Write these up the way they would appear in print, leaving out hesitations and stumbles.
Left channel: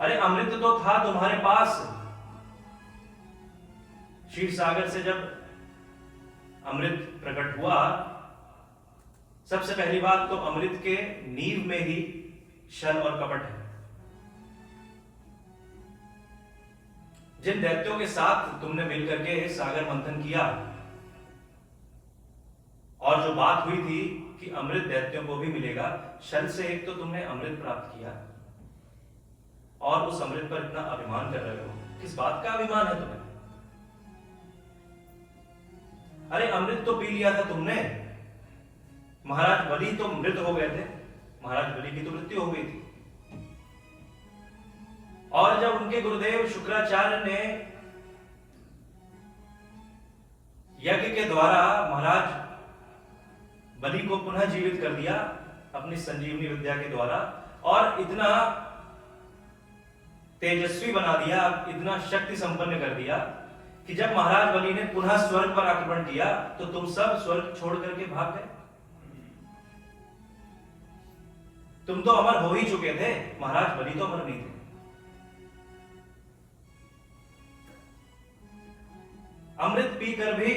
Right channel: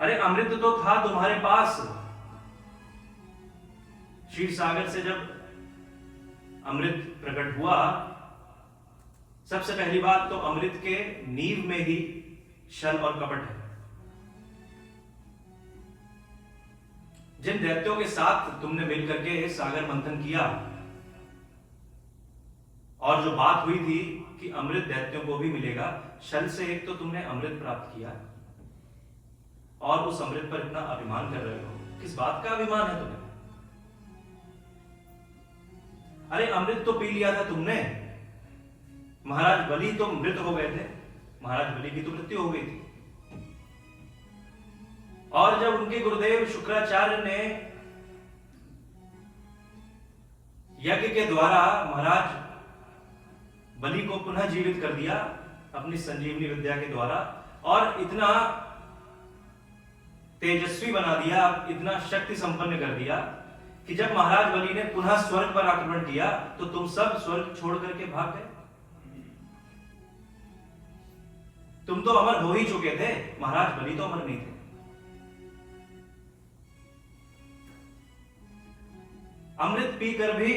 अरे अमृत तो था तुम्हारे पास। क्षीर सागर से जब अमृत प्रकट हुआ, सबसे पहली बात तो अमृत के नींव में ही छल और कपट है। जिन दैत्यों के साथ तुमने मिलकर के सागर मंथन किया और जो बात हुई थी कि अमृत दैत्यों को भी मिलेगा, छल से एक तो तुमने अमृत प्राप्त किया और उस अमृत पर इतना अभिमान कर रहे हो। किस बात का अभिमान है तुम्हें? अरे अमृत तो पी लिया था तुमने। महाराज बलि तो मृत हो गए थे, महाराज बलि की तो मृत्यु हो गई थी। और जब उनके गुरुदेव शुक्राचार्य ने यज्ञ के द्वारा महाराज बलि को पुनः जीवित कर दिया अपनी संजीवनी विद्या के द्वारा, और इतना तेजस्वी बना दिया, इतना शक्ति संपन्न कर दिया कि जब महाराज बलि ने पुनः स्वर्ग पर आक्रमण किया तो तुम सब स्वर्ग छोड़ करके भाग गए। तुम तो अमर हो ही चुके थे, महाराज बलि तो अमर नहीं थे। अमृत पीकर भी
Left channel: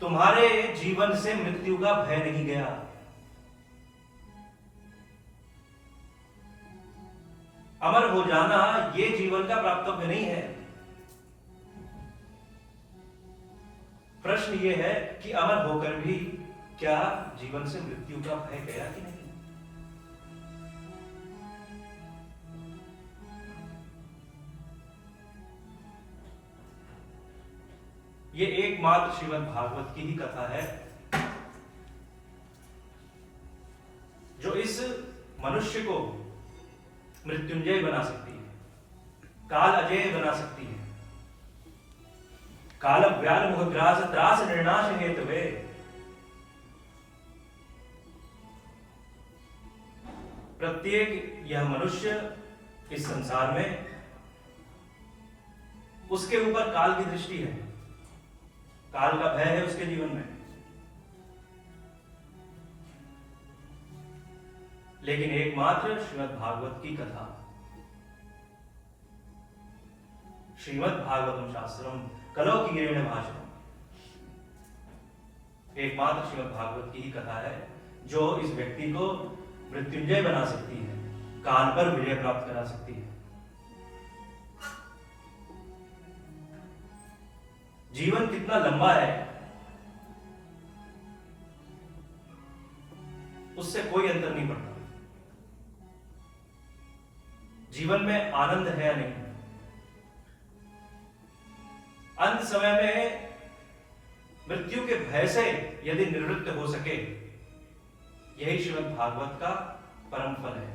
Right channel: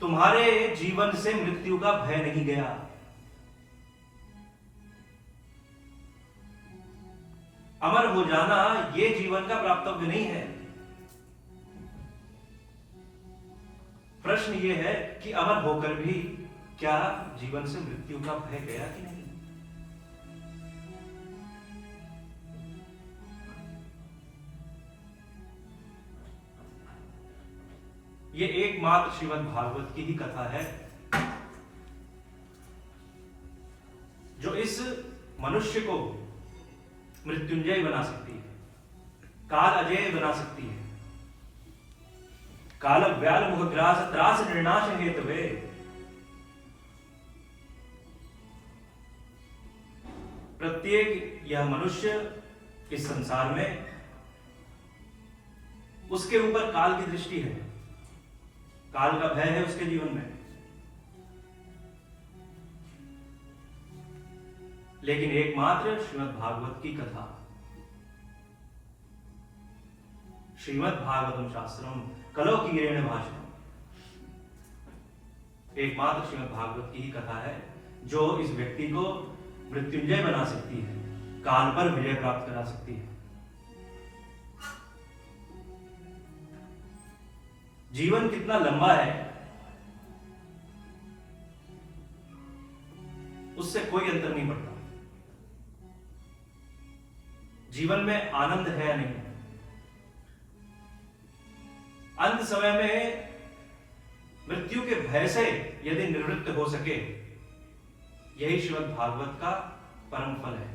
तुम्हारे जीवन से मृत्यु का भय नहीं गया। अमर हो जाना ये जीवन का प्राप्तव्य नहीं है। प्रश्न ये है कि अमर होकर भी क्या जीवन से मृत्यु का भय गया कि नहीं? ये एकमात्र श्रीमद् भागवत की ही कथा है जो इस मनुष्य को मृत्युंजय बना सकती है, काल अजय बना सकती है। काल व्याल मुहग्रास त्रास निर्नाश हेतवे। प्रत्येक यह मनुष्य इस संसार में, उसके ऊपर काल की दृष्टि है, काल का भय है उसके जीवन में। लेकिन एकमात्र श्रीमद् भागवत की कथा, श्रीमद् भागवतम शास्त्रम कलो कीरेण भाषणम, एकमात्र श्रीमद् भागवत की ही कथा है जो इस व्यक्ति को मृत्युंजय बना सकती है, काल पर विजय प्राप्त करा सकती है। जीवन कितना लंबा है उससे कोई अंतर नहीं पड़ता। जीवन में आनंद है या नहीं, अंत समय में मृत्यु के भय से यदि निवृत्त हो सके, यही श्रीमद् भागवत का परम फल है,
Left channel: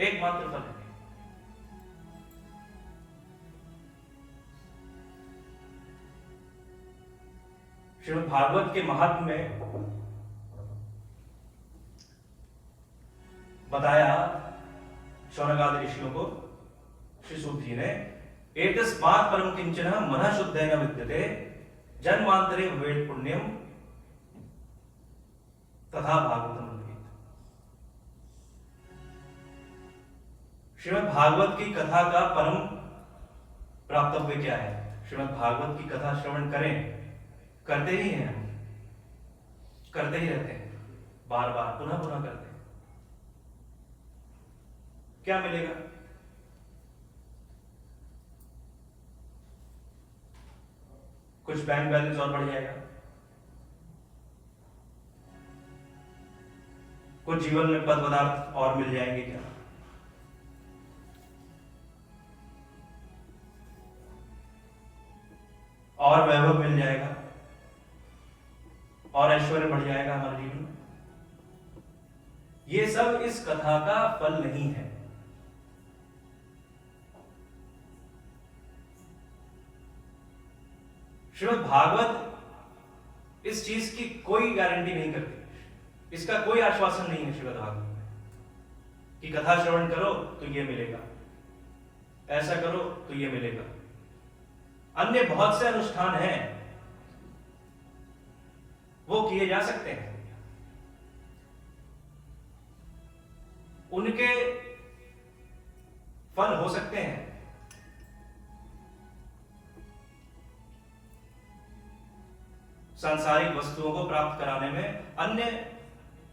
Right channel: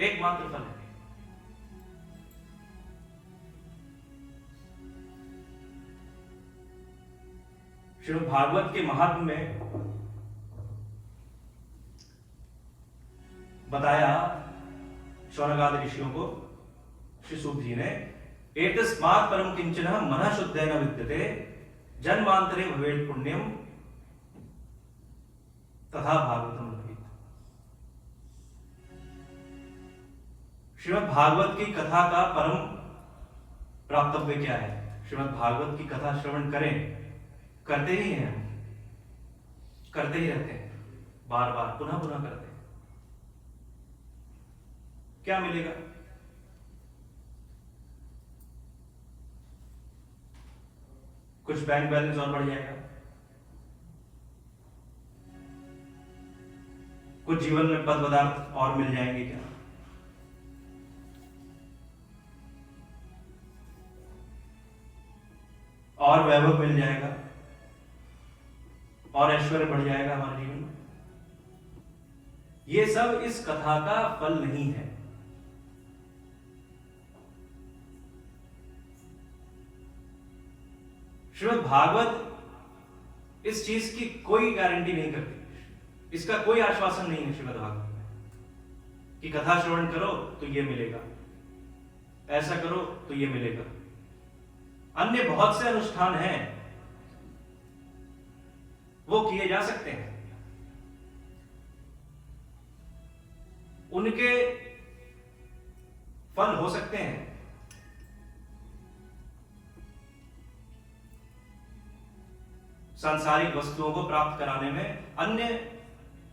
एकमात्र फल है। श्रीमद् भागवत के महात्म्य में बताया शौनकादि ऋषियों को श्री सूत जी ने, एतस्मात् परम किंचन मनः शुद्धेन विद्यते जन्मांतरे भवेत् पुण्यम तथा भागवतम भवेत्। श्रीमद् भागवत की कथा का परम प्राप्तव्य क्या है? श्रीमद् भागवत की कथा श्रवण करें, करते ही हैं हम, करते ही रहते हैं, बार बार पुनः पुनः करते हैं। क्या मिलेगा? कुछ बैंक बैलेंस और बढ़ जाएगा, कुछ जीवन में पद पदार्थ और मिल जाएंगे क्या? और वैभव मिल जाएगा और ऐश्वर्य बढ़ जाएगा हमारे जीवन में। ये सब इस कथा का फल नहीं है। श्रीमद् भागवत इस चीज की कोई गारंटी नहीं करती, इसका कोई आश्वासन नहीं है श्रीमद् भागवत में कि कथा श्रवण करो तो ये मिलेगा, ऐसा करो तो ये मिलेगा। अन्य बहुत से अनुष्ठान हैं, वो किए जा सकते हैं, उनके फल हो सकते हैं, सांसारिक वस्तुओं को प्राप्त कराने में अन्य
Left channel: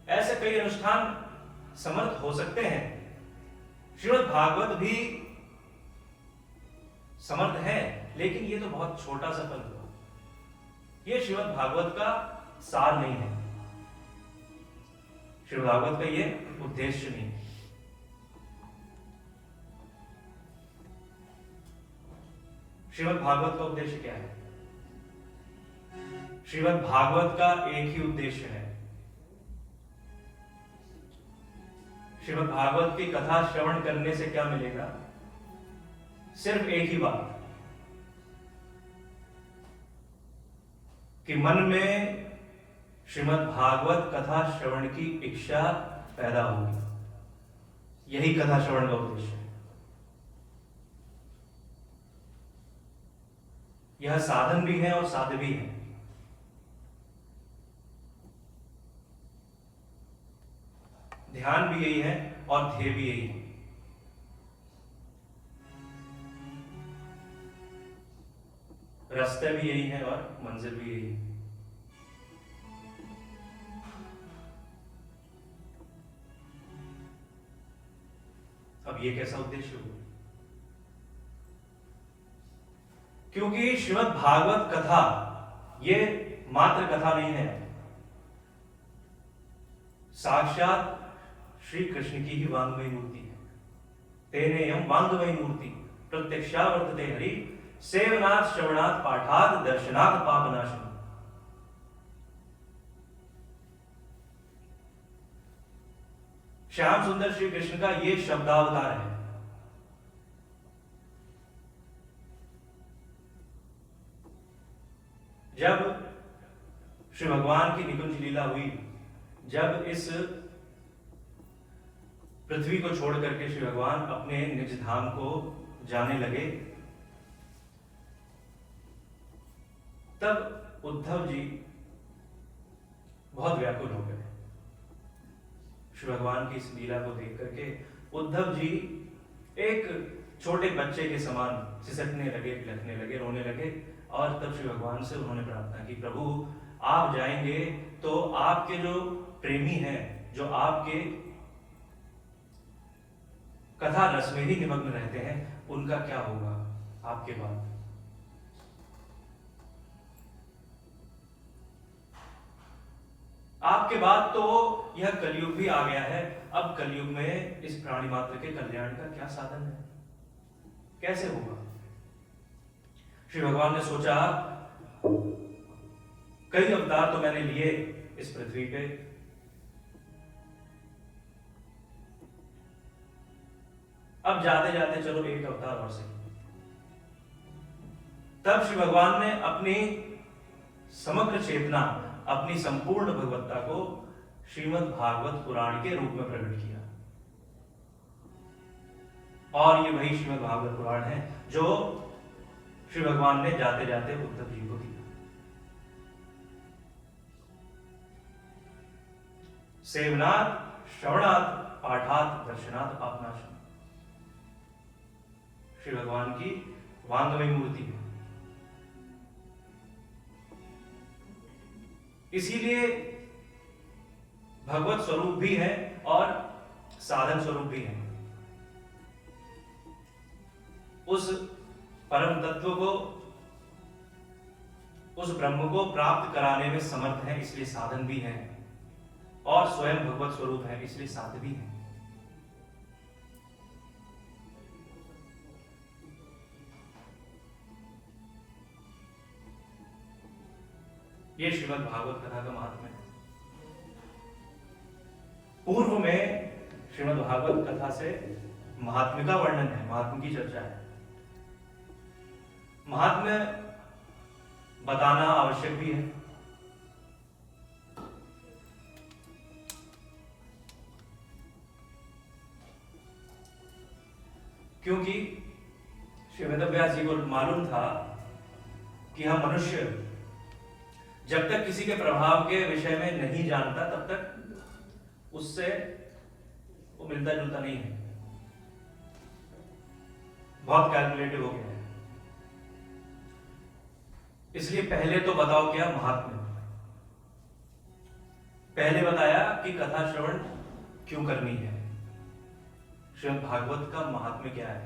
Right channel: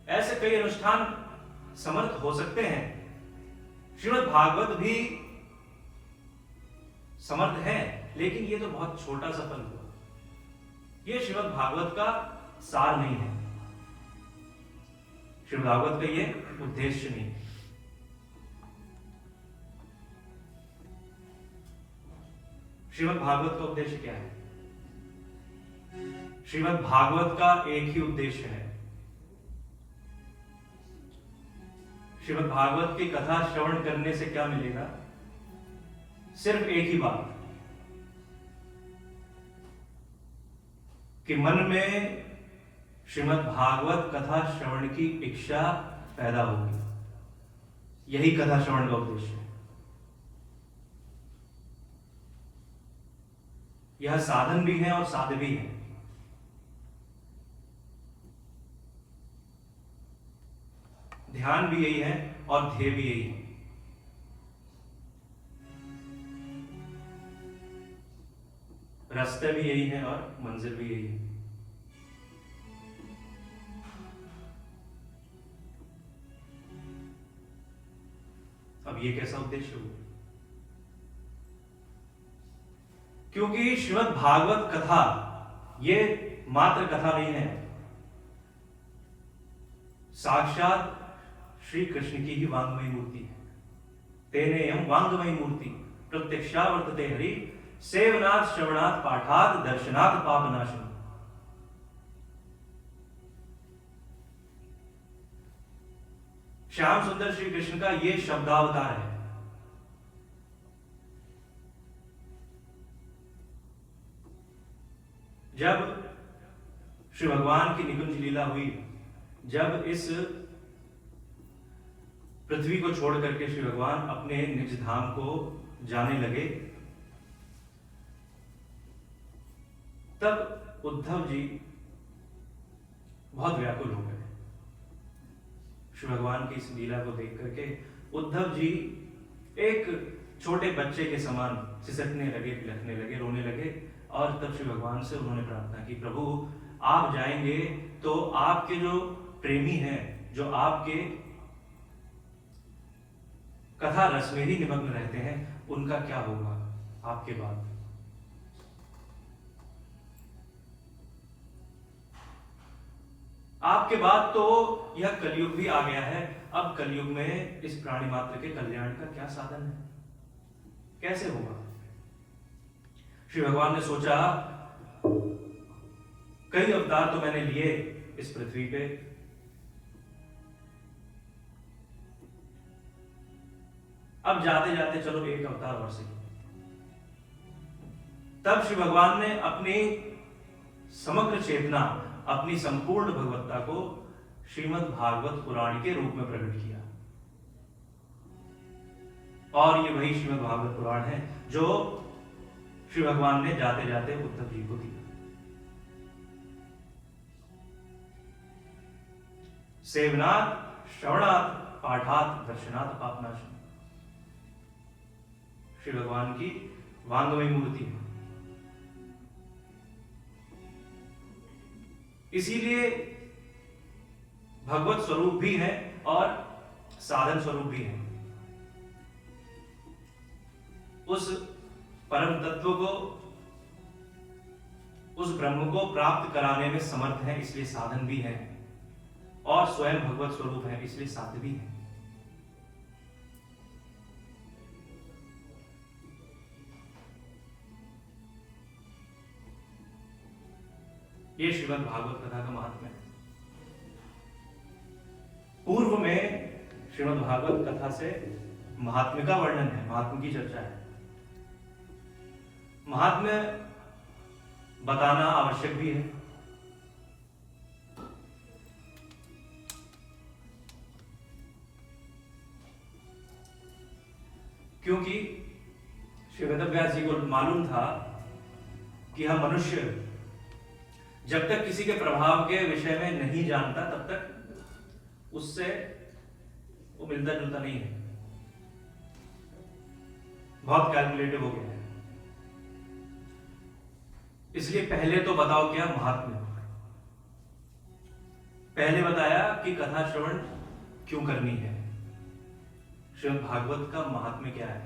ऐसे कई अनुष्ठान समर्थ हो सकते हैं। श्रीमद् भागवत भी समर्थ है, लेकिन ये तो बहुत छोटा सा फल हुआ। ये श्रीमद् भागवत का सार नहीं है, श्रीमद् भागवत का ये उद्देश्य नहीं। श्रीमद् भागवत का उद्देश्य क्या है? श्रीमद् भागवत का एक ही उद्देश्य है। श्रीमद् भागवत की कथा श्रवण करने से क्या मिलेगा? सिर्फ एक ही बात, कि मन में श्रीमद् भागवत कथा श्रवण की इच्छा पैदा होगी। यही कथा श्रवण का उद्देश्य है। यह साधन भी है और साध्य भी है। ध्यान भी यही है और ध्येय भी यही है। रास्ता भी यही है और मंजिल भी यही है। अब ये कैसा उद्देश्य हुआ? क्योंकि श्रीमद् भागवत कथा ये मात्र कथा नहीं है, साक्षात श्री कृष्ण की ही वांग्मयी मूर्ति है। तेनेयं वांग्मयी मूर्ति प्रत्यक्षावर्तते हरि सेवनात् श्रवणात् पाठात् दर्शनात् पापनाशनम्। श्याम सुंदर श्री कृष्ण का ये शब्दावतार है। जब श्री भगवान की निकुंज लीला हुई, जब इस पृथ्वी को छोड़ करके श्री भगवान अपने निज धाम को जाने लगे, तब उद्धव जी बहुत व्याकुल हो गए। श्री भगवान की इस लीला को देख करके उद्धव जी एक छोटे बच्चे के समान सिसकने लगे, बिलखने लगे, रोने लगे। और तब श्री भगवान से उन्होंने प्रार्थना की, प्रभु आप जाएंगे तो आपके जो प्रेमी हैं, जो आपके कथा रस में ही निमग्न रहते हैं, उनका क्या होगा आपके बाद? आपके बाद तो यह कलयुग भी आ गया है। अब कलयुग में इस प्राणी मात्र के कल्याण का क्या साधन है? कैसे होगा? श्री भगवान ने सोचा, कई अवतार तो मैंने लिए इस पृथ्वी पे, अब जाते जाते चलो एक अवतार और सही। तब श्री भगवान ने अपनी समग्र चेतना, अपनी संपूर्ण भगवत्ता को श्रीमद् भागवत पुराण के रूप में प्रकट किया। और ये वही श्रीमद् भागवत पुराण है जो श्री भगवान ने जाते जाते उद्धव जी को दिया। सेवनात् श्रवणात् पाठात् दर्शनात् पापनाशनम्। श्री भगवान की वांग्मयी मूर्ति है। इसीलिए भगवत स्वरूप भी है और साधन स्वरूप भी है। उस परम तत्व को, उस ब्रह्म को प्राप्त कराने में समर्थ है, इसलिए साधन भी है, और स्वयं भगवत स्वरूप है, इसलिए साध्य भी है। ये श्रीमद् भागवत कथा का महात्म्य है। पूर्व में श्रीमद् भागवत कथा से महात्म्य का वर्णन है, महात्म्य की चर्चा है। महात्म्य बताना आवश्यक भी है। क्योंकि श्री वेदव्यास जी को मालूम था कि हम मनुष्य जब तक किसी के प्रभाव के विषय में नहीं जानता, तब तक उससे वो मिलता जुलता नहीं है, बहुत कैलकुलेटिव हो गया है। इसलिए पहले तो बताओ क्या महात्म्य। पहले बताया कि कथा श्रवण क्यों करनी है, श्रीमद् भागवत का महात्म्य क्या है,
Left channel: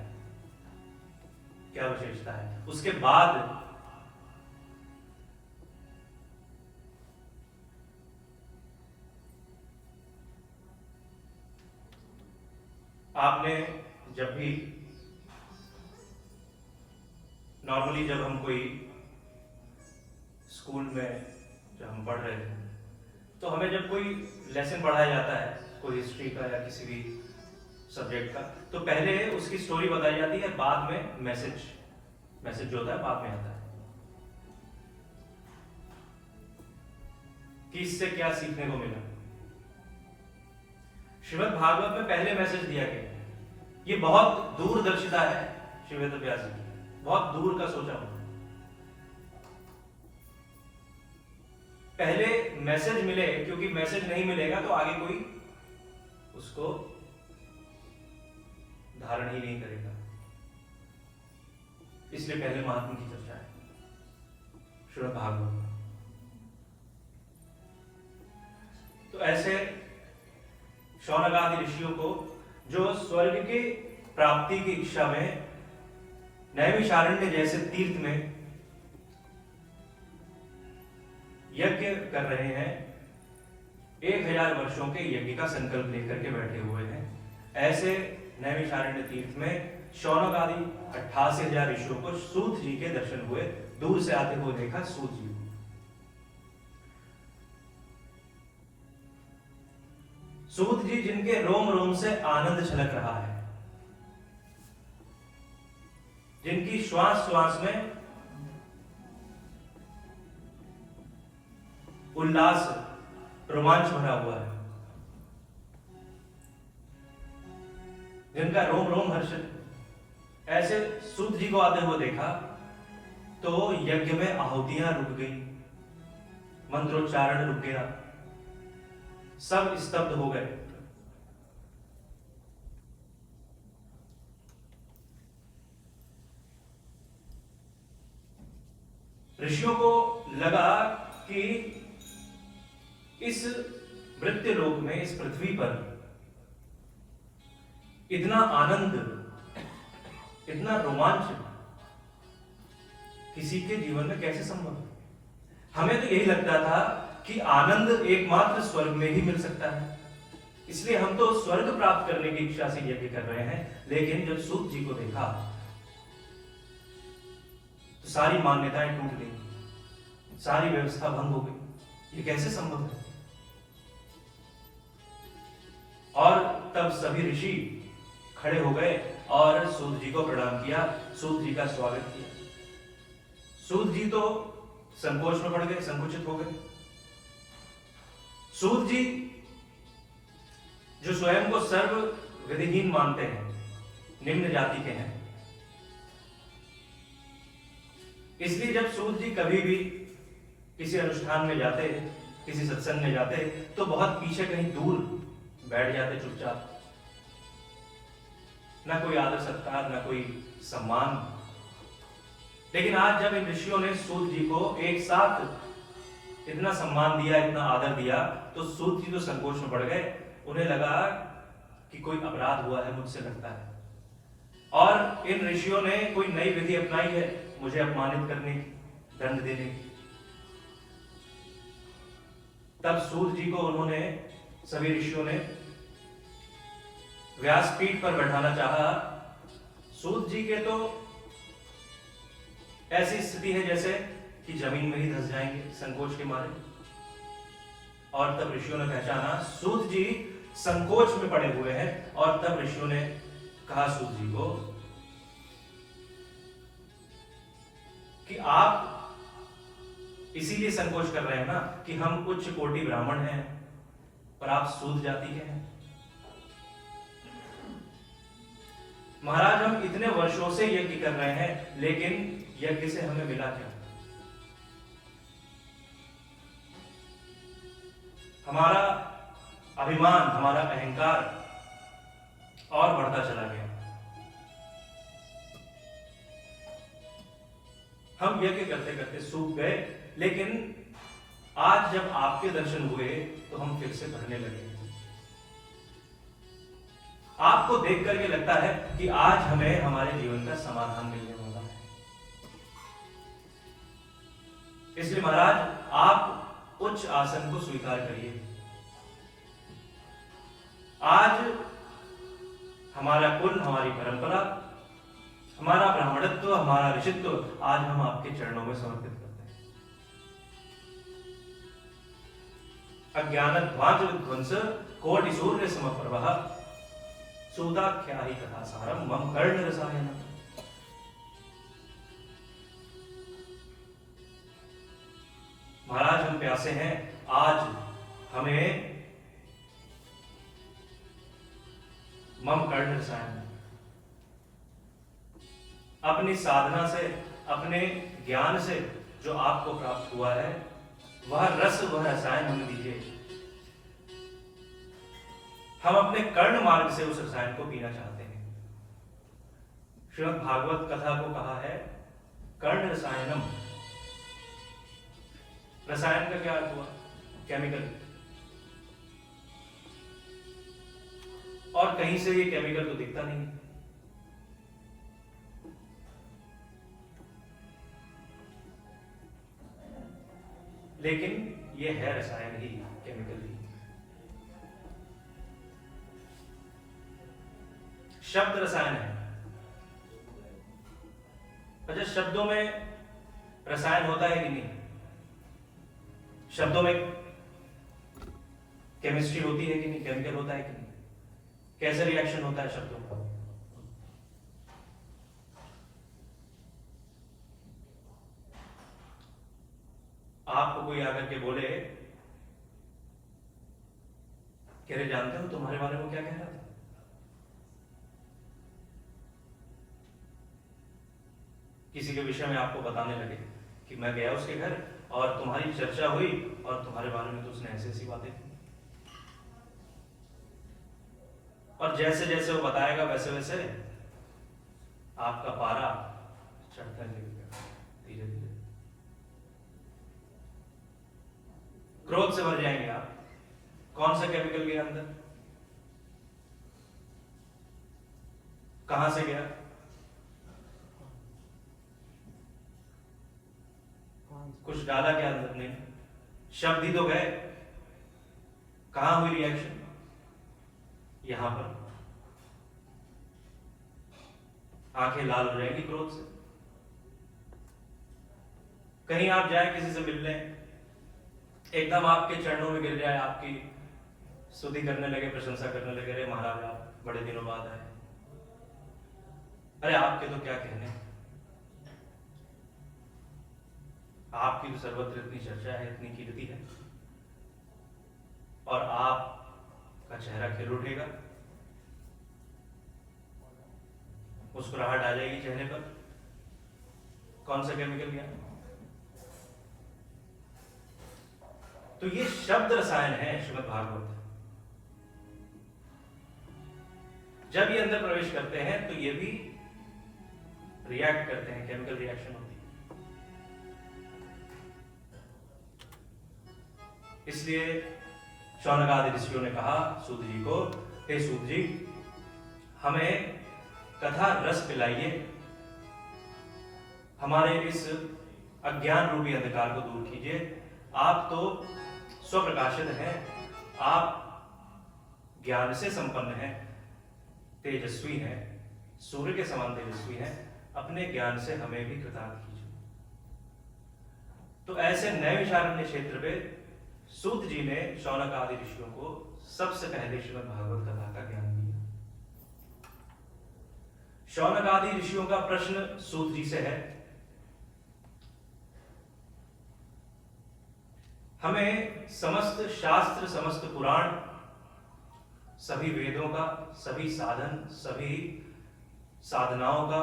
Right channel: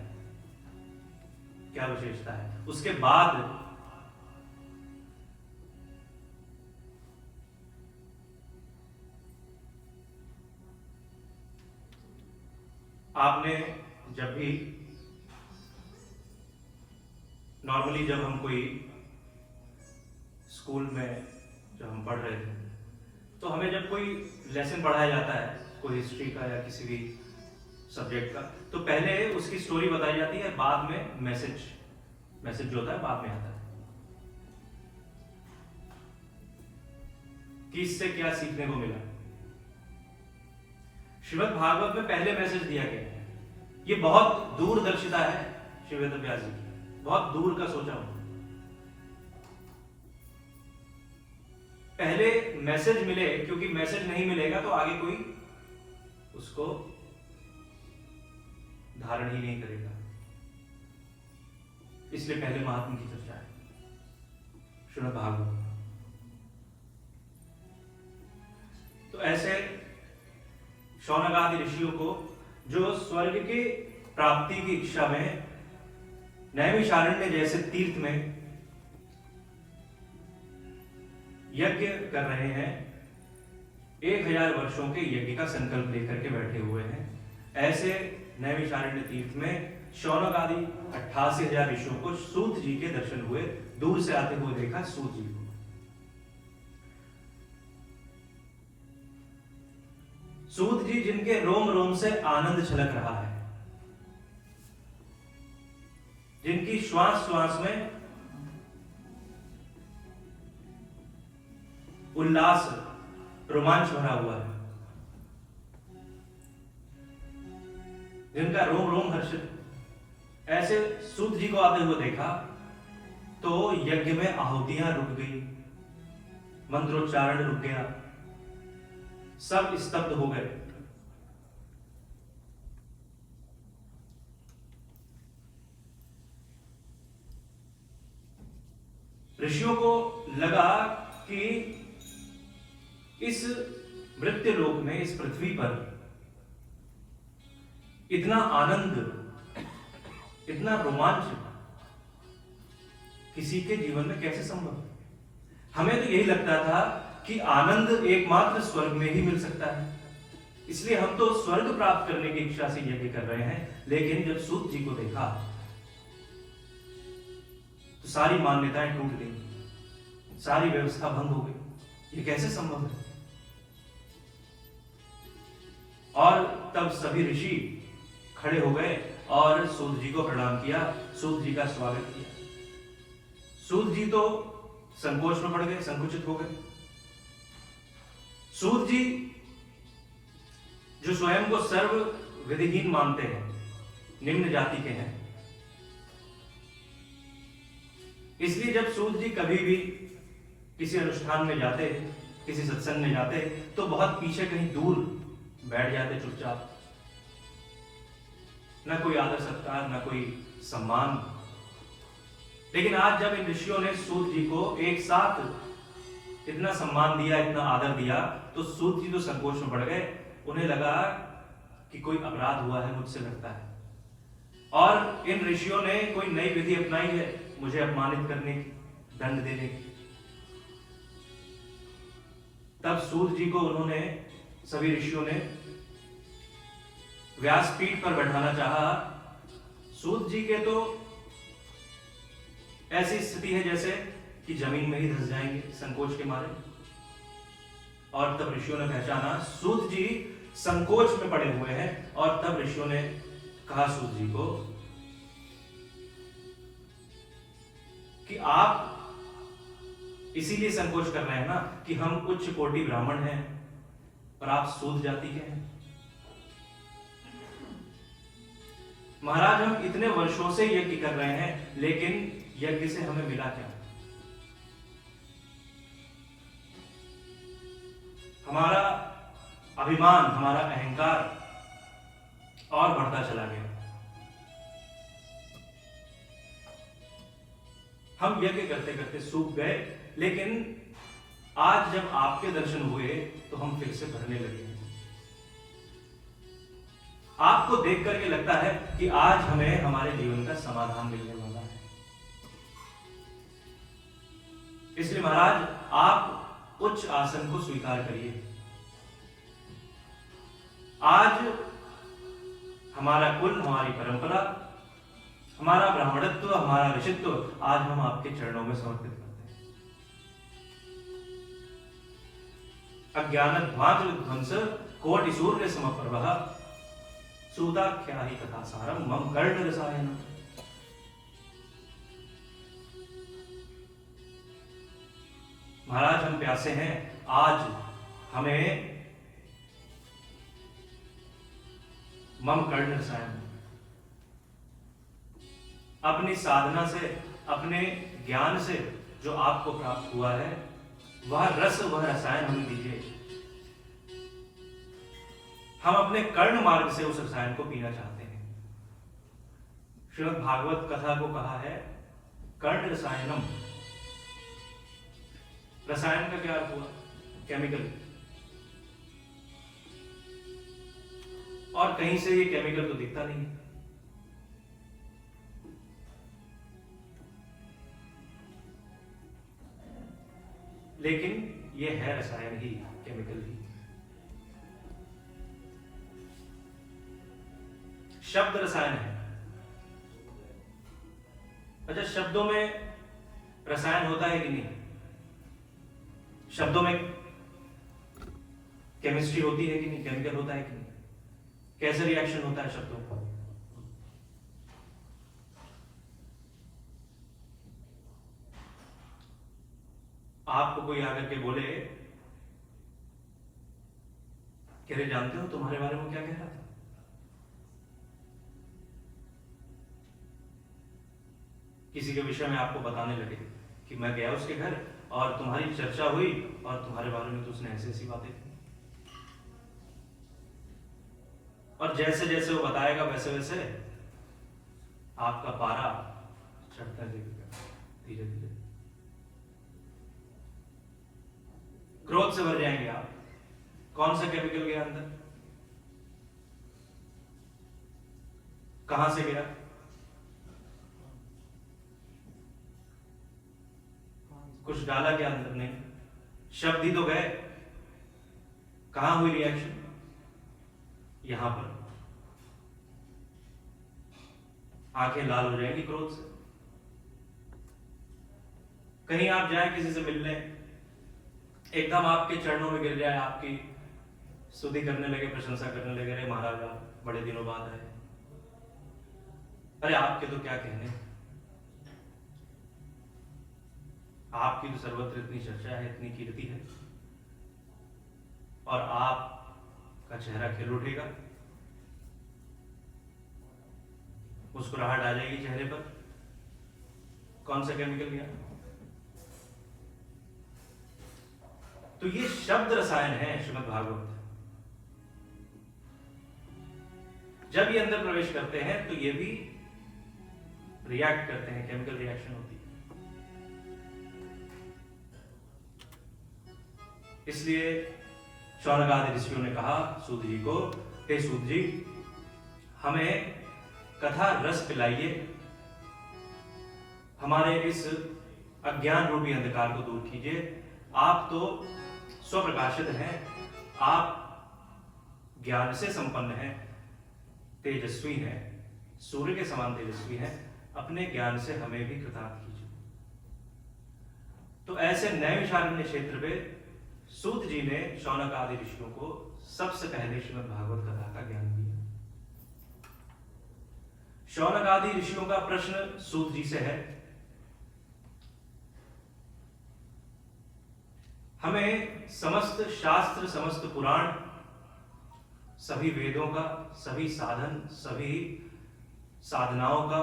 क्या विशेषता है। उसके बाद आपने जब भी नॉर्मली जब हम कोई स्कूल में जब हम पढ़ रहे थे तो हमें जब कोई लेसन पढ़ाया जाता है कोई हिस्ट्री का या किसी भी सब्जेक्ट का, तो पहले उसकी स्टोरी बताई जाती है, बाद में मैसेज जो होता है बाद में आता है कि इससे क्या सीखने को मिला। श्रीमद् भागवत में पहले मैसेज दिया गया है। ये बहुत दूरदर्शिता है श्री वेद व्यास जी की, बहुत दूर का सोचा हूं। पहले मैसेज मिले, क्योंकि मैसेज नहीं मिलेगा तो आगे कोई उसको धारण ही नहीं करेगा, इसलिए पहले महात्मा की चर्चा है श्रीमद् भागवत। तो ऐसे शौनक आदि ऋषियों को जो स्वर्ग की प्राप्ति की इच्छा में नैमिषारण्य जैसे तीर्थ में यज्ञ कर रहे हैं, 1000 वर्षों के यज्ञ का संकल्प लेकर के बैठे हुए हैं, ऐसे नैमिषारण्य तीर्थ में शौनक आदि 88,000 ऋषियों को सूत जी के दर्शन हुए। दूर से आते हुए देखा सूत जी को। सूत जी जिनके रोम रोम से आनंद छलक रहा है, जिनकी श्वास श्वास में उल्लास रोमांच भरा हुआ है, जिनका रोम रोम हर्षित, ऐसे सूत जी को आते हुए देखा तो यज्ञ में आहुतियां रुक गई, मंत्रोच्चारण रुक गया, सब स्तब्ध हो गए। ऋषियों को लगा कि इस मृत्यु लोक में, इस पृथ्वी पर इतना आनंद, इतना रोमांच किसी के जीवन में कैसे संभव है। हमें तो यही लगता था कि आनंद एकमात्र स्वर्ग में ही मिल सकता है, इसलिए हम तो स्वर्ग प्राप्त करने की इच्छा से यज्ञ कर रहे हैं। लेकिन जब सूत जी को देखा तो सारी मान्यताएं टूट गई, सारी व्यवस्था भंग हो गई। ये कैसे संभव है? और तब सभी ऋषि खड़े हो गए और सूत जी को प्रणाम किया, सूत जी का स्वागत किया। सूत जी तो संकोच में पड़ गए, संकुचित हो गए। सूत जी जो स्वयं को सर्व विधिहीन मानते हैं, निम्न जाति के हैं, इसलिए जब सूत जी कभी भी किसी अनुष्ठान में जाते, किसी सत्संग में जाते, तो बहुत पीछे कहीं दूर बैठ जाते चुपचाप, ना कोई आदर सत्कार, ना कोई सम्मान। लेकिन आज जब इन ऋषियों ने सूत जी को एक साथ इतना सम्मान दिया, इतना आदर दिया, तो सूत जी तो संकोच में पड़ गए। उन्हें लगा कि कोई अपराध हुआ है, मुझसे लगता है, और इन ऋषियों ने कोई नई विधि अपनाई है मुझे अपमानित करने की, दंड देने की। तब सूत जी को उन्होंने, सभी ऋषियों ने व्यासपीठ पर बैठाना चाहा। सूत जी के तो ऐसी स्थिति है जैसे कि जमीन में ही धंस जाएंगे संकोच के मारे। और तब ऋषियों ने पहचाना सूत जी संकोच में पड़े हुए हैं, और तब ऋषियों ने कहा सूत जी को कि आप इसीलिए संकोच कर रहे हैं ना कि हम उच्च कोटि ब्राह्मण हैं और आप सूत जाति के हैं। महाराज, हम इतने वर्षों से यज्ञ कर रहे हैं, लेकिन यज्ञ से हमें मिला क्या? हमारा अभिमान, हमारा अहंकार और बढ़ता चला गया। हम यज्ञ करते करते सूख गए, लेकिन आज जब आपके दर्शन हुए तो हम फिर से भरने लगे। आपको देख करके लगता है कि आज हमें हमारे जीवन का समाधान मिलने वाला है। इसलिए महाराज, आप उच्च आसन को स्वीकार करिए। आज हमारा कुल, हमारी परंपरा, हमारा ब्राह्मणत्व, हमारा ऋषित्व आज हम आपके चरणों में समर्पित करते हैं। अज्ञानध्वांत विध्वंस कोटि सूर्य समप्रभः सूताख्याहि कथासारम मम कर्ण रसायनम। महाराज, हम प्यासे हैं, आज हमें मम कर्ण रसायन, अपनी साधना से, अपने ज्ञान से जो आपको प्राप्त हुआ है, वह रस, वह रसायन हमें दीजिए। हम अपने कर्ण मार्ग से उस रसायन को पीना चाहते हैं। श्रीमद् भागवत कथा को कहा है कर्ण रसायनम। रसायन का क्या अर्थ हुआ? केमिकल। और कहीं से ये केमिकल तो दिखता नहीं, लेकिन ये है रसायन ही, केमिकल ही। शब्द रसायन है। अच्छा, शब्दों में रसायन होता है कि नहीं? शब्दों में केमिस्ट्री होती है कि नहीं? केमिकल होता है कि नहीं? कैसे रिएक्शन होता है शब्दों का? आपको कोई आकर के बोले कह रहे, जानते हो तुम्हारे बारे में क्या कह रहा था? किसी के विषय में आपको बताने लगे कि मैं गया उसके घर और तुम्हारी चर्चा हुई और तुम्हारे बारे में तो उसने ऐसी ऐसी बातें की, और जैसे जैसे वो बताएगा वैसे वैसे आपका पारा चढ़ता जाएगा धीरे धीरे, क्रोध से भर जाएंगे आप। कौन सा केमिकल गया अंदर? कहां से गया? कुछ डाला क्या अंदर? नहीं, शब्द ही तो गए। कहां हुई रिएक्शन? यहां पर। आंखें लाल हो जाएंगी क्रोध से। कहीं आप जाए किसी से मिलने, एकदम आपके चरणों में गिर जाए, आपकी स्तुति करने लगे, प्रशंसा करने लगे, अरे महाराज आप बड़े दिनों बाद आए, अरे आपके तो क्या कहने, आपकी तो सर्वत्र इतनी चर्चा है, इतनी कीर्ति है, और आपका चेहरा खिल उठेगा, मुस्कुराहट आ जाएगी चेहरे पर। कौन सा केमिकल गया? तो ये शब्द रसायन है श्रीमद् भागवत। जब ये अंदर प्रवेश करते हैं तो ये भी रिएक्ट करते हैं, केमिकल रिएक्शन होती है। इसलिए शौनक आदि ऋषियों ने कहा सूत जी को, हे सूत जी, हमें कथा रस पिलाइए, हमारे इस अज्ञान रूपी अंधकार को दूर कीजिए। आप तो स्वप्रकाशित हैं, आप ज्ञान से संपन्न हैं, तेजस्वी हैं, सूर्य के समान तेजस्वी हैं, अपने ज्ञान से हमें भी कृतार्थ कीजिए। तो ऐसे नए विचारण्य क्षेत्र पे सूत जी ने शौनक आदि ऋषियों को सबसे पहले श्रीमद् भागवत कथा का ज्ञान दिया। शौनक आदि ऋषियों का प्रश्न सूत जी से है, हमें समस्त शास्त्र, समस्त पुराण, सभी वेदों का, सभी साधन, सभी साधनाओं का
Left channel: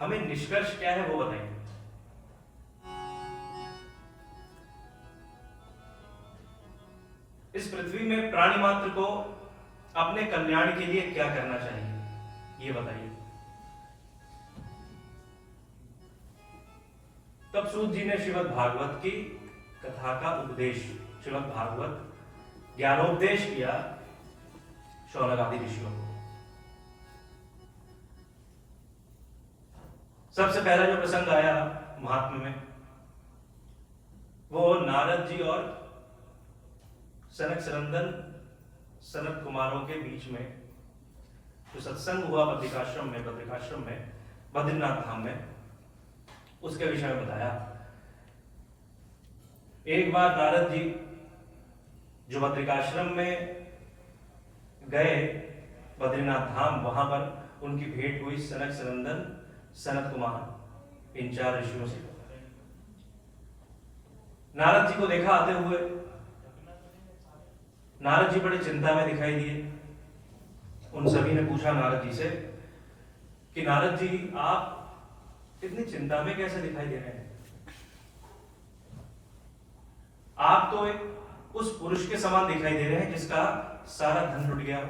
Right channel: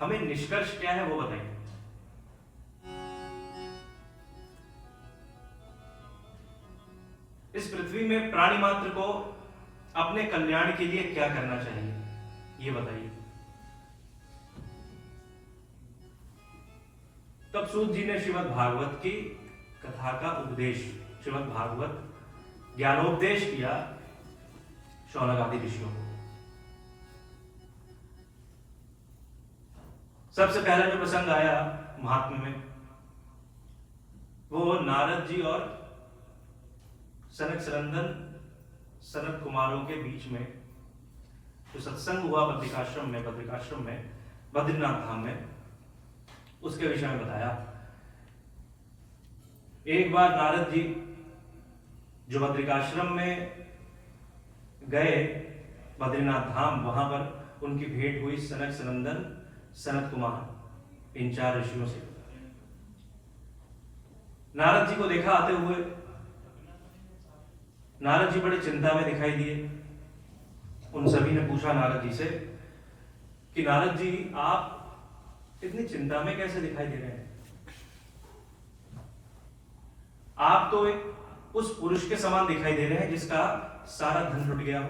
हमें निष्कर्ष क्या है वो बताइए। इस पृथ्वी में प्राणी मात्र को अपने कल्याण के लिए क्या करना चाहिए ये बताइए। तब सूत जी ने श्रीमद् भागवत की कथा का उपदेश, श्रीमद् भागवत ज्ञानोपदेश किया शौनक आदि ऋषियों को। सबसे पहले जो प्रसंग आया महात्म्य में, वो नारद जी और सनक सनंदन सनत कुमारों के बीच में जो सत्संग हुआ बद्रिकाश्रम में बद्रीनाथ धाम में, उसके विषय में बताया। एक बार नारद जी जो बद्रिकाश्रम में गए बद्रीनाथ धाम, वहां पर उनकी भेंट हुई सनक सनंदन सनत कुमार इन 4 ऋषियों से। नारद जी को देखा आते हुए, नारद जी बड़े चिंता में दिखाई दिए। उन सभी ने पूछा नारद जी से कि नारद जी, आप इतनी चिंता में कैसे दिखाई दे रहे हैं? आप तो एक उस पुरुष के समान दिखाई दे रहे हैं जिसका सारा धन लुट गया हो।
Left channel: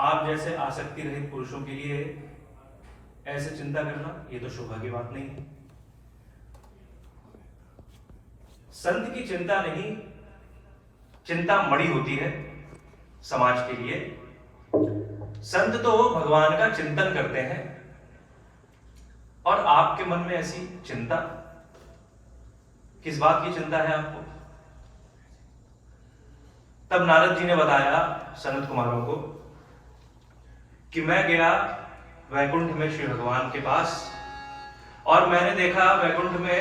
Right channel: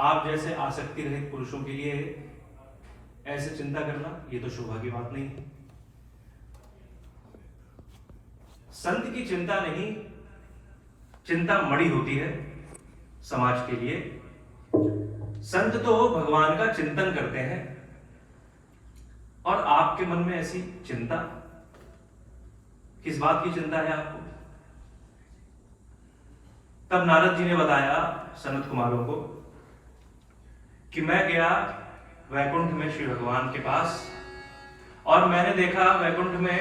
आप जैसे आसक्ति रहित पुरुषों के लिए ऐसे चिंता करना, ये तो शोभा की बात नहीं है। संत की चिंता नहीं, चिंता मणि होती है समाज के लिए। संत तो भगवान का चिंतन करते हैं, और आपके मन में ऐसी चिंता, किस बात की चिंता है आपको? तब नारद जी ने बताया सनत कुमारों को कि मैं गया वैकुंठ में श्री भगवान के पास, और मैंने देखा वैकुंठ में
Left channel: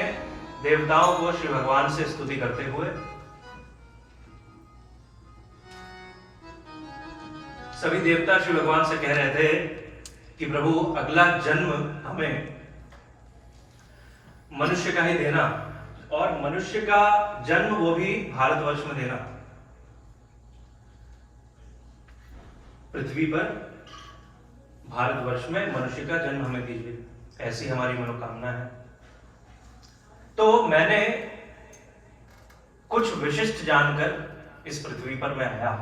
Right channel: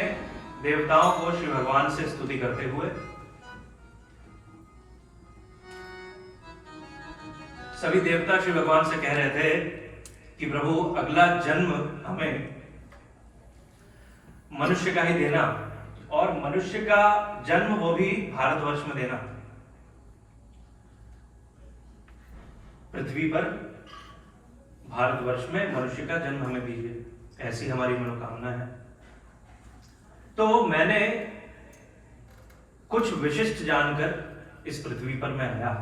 देवताओं को श्री भगवान से स्तुति करते हुए। सभी देवता श्री भगवान से कह रहे थे कि प्रभु, अगला जन्म हमें मनुष्य का ही देना, और मनुष्य का जन्म वो भी भारतवर्ष में देना। पृथ्वी पर भारतवर्ष में मनुष्य का जन्म हमें दीजिए, ऐसी हमारी मनोकामना है। तो मैंने कुछ विशिष्ट जानकर इस पृथ्वी पर मैं आया।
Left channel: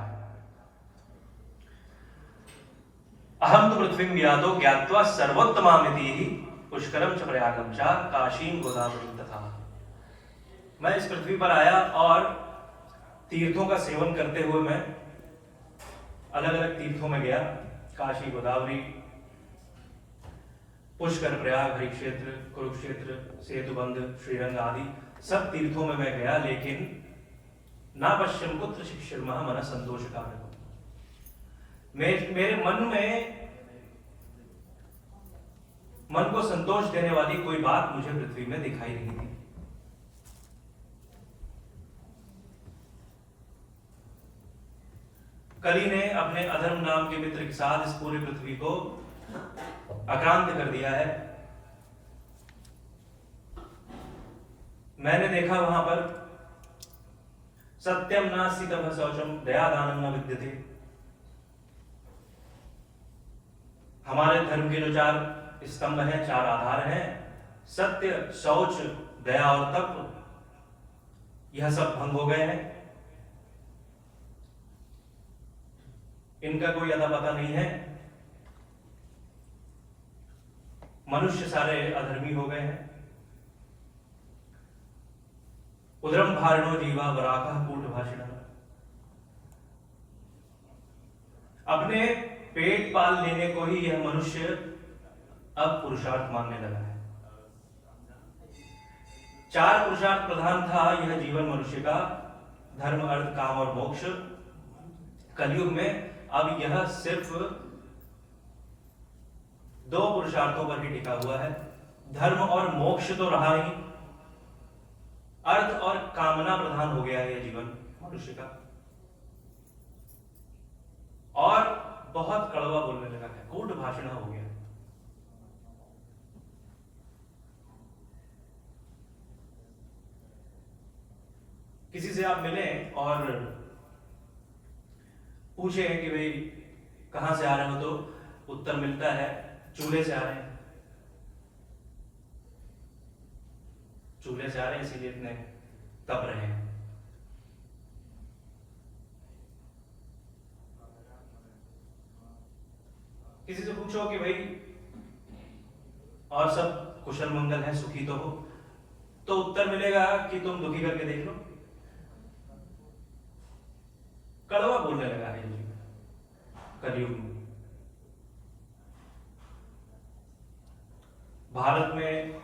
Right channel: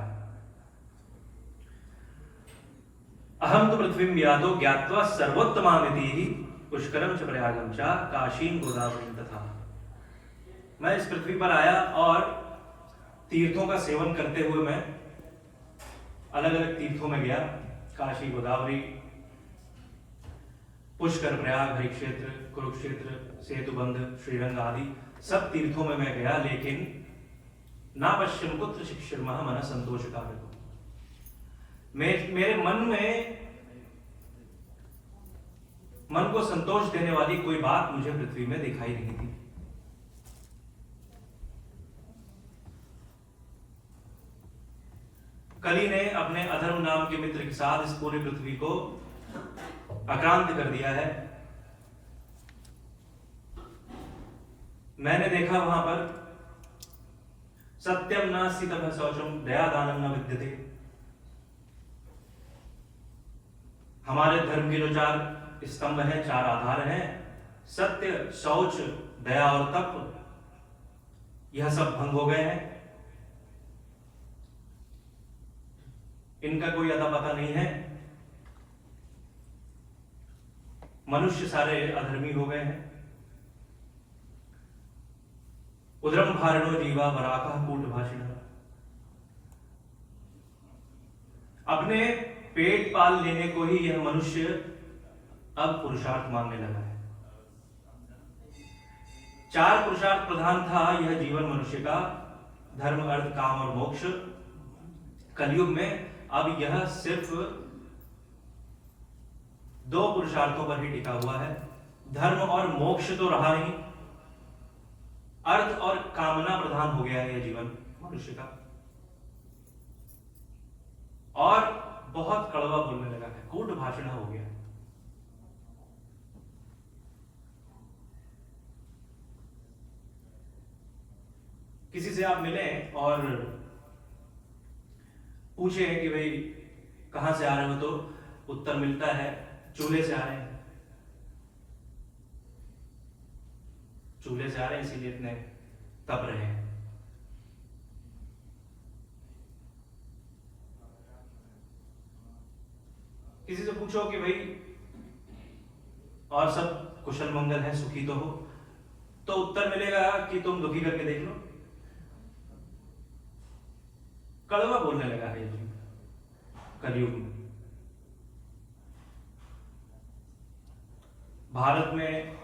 अहम तो पृथ्वी यादो ज्ञात्वा सर्वोत्तमामिति पुष्करम च प्रयागम च काशीम गोदावरी तथा। मैं इस पृथ्वी पर आया और तीर्थों का सेवन करते हुए मैं अलग अलग तीर्थों में गया। काशी, गोदावरी, पुष्कर, प्रयाग, हरिक्षेत्र, कुरुक्षेत्र, सेतुबंध, श्रीरंग आदि सब तीर्थों में मैं गया, लेकिन ना पश्चिम पुत्र शिक्षिर्मः मन संतोष कारक। मेरे मन को संतोष देने वाली कोई बात मुझे पृथ्वी में दिखाई नहीं दी। कली ने अपने अधर्म नाम के मित्र के साथ इस पूरी पृथ्वी को आक्रांत कर दिया है। मैंने देखा वहां पर सत्यम नास्ति तपः शौचम दया दानं न विद्यते। हमारे धर्म के जो 4 स्तंभ हैं, 4 आधार हैं, सत्य, शौच, दया और तप, यह सब भंग हो गए हैं। इनका कोई अता पता नहीं है। मनुष्य सारे अधर्मी हो गए हैं। उदरम भारणो जीवा वराका कूट भाषिण। अपने पेट पाल लेने को ही यह मनुष्य अब पुरुषार्थ मानने लगा है। 4 पुरुषार्थ प्रधान था यह जीवन मनुष्य का, धर्म, अर्थ, काम और मोक्ष। कलयुग में अब यह सिर्फ 2 पुरुषार्थों पर ही टिका हुआ है। धर्म और मोक्ष तो रहा ही, अर्थ और कामना प्रधान हो गया है यह जीवन मनुष्य का, और बहुत कड़वा बोलने लगा है, कूट भाषण हो गया। किसी से आप मिले और पूछे कि भाई कहां से आ रहे हो, तो उत्तर मिलता है चूल्हे से आ रहे हैं। चूल्हे से आ रहे हैं इसीलिए इतने तप रहे हैं। किसी से पूछो कि भाई और सब कुशल मंगल है, सुखी तो हो, तो उत्तर मिलेगा कि तुम दुखी करके देख लो। कड़वा बोलने लगा है ये जीवन कलयुग में। भारत में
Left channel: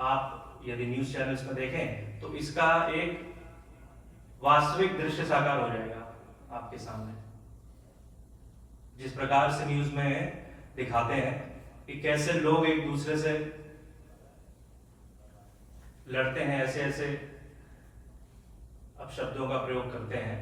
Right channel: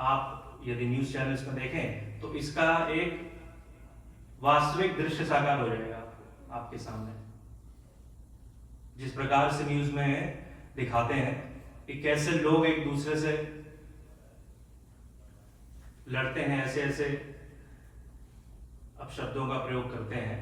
आप यदि न्यूज चैनल्स में देखें तो इसका एक वास्तविक दृश्य साकार हो जाएगा आपके सामने। जिस प्रकार से न्यूज में दिखाते हैं कि कैसे लोग एक दूसरे से लड़ते हैं, ऐसे ऐसे अपशब्दों का प्रयोग करते हैं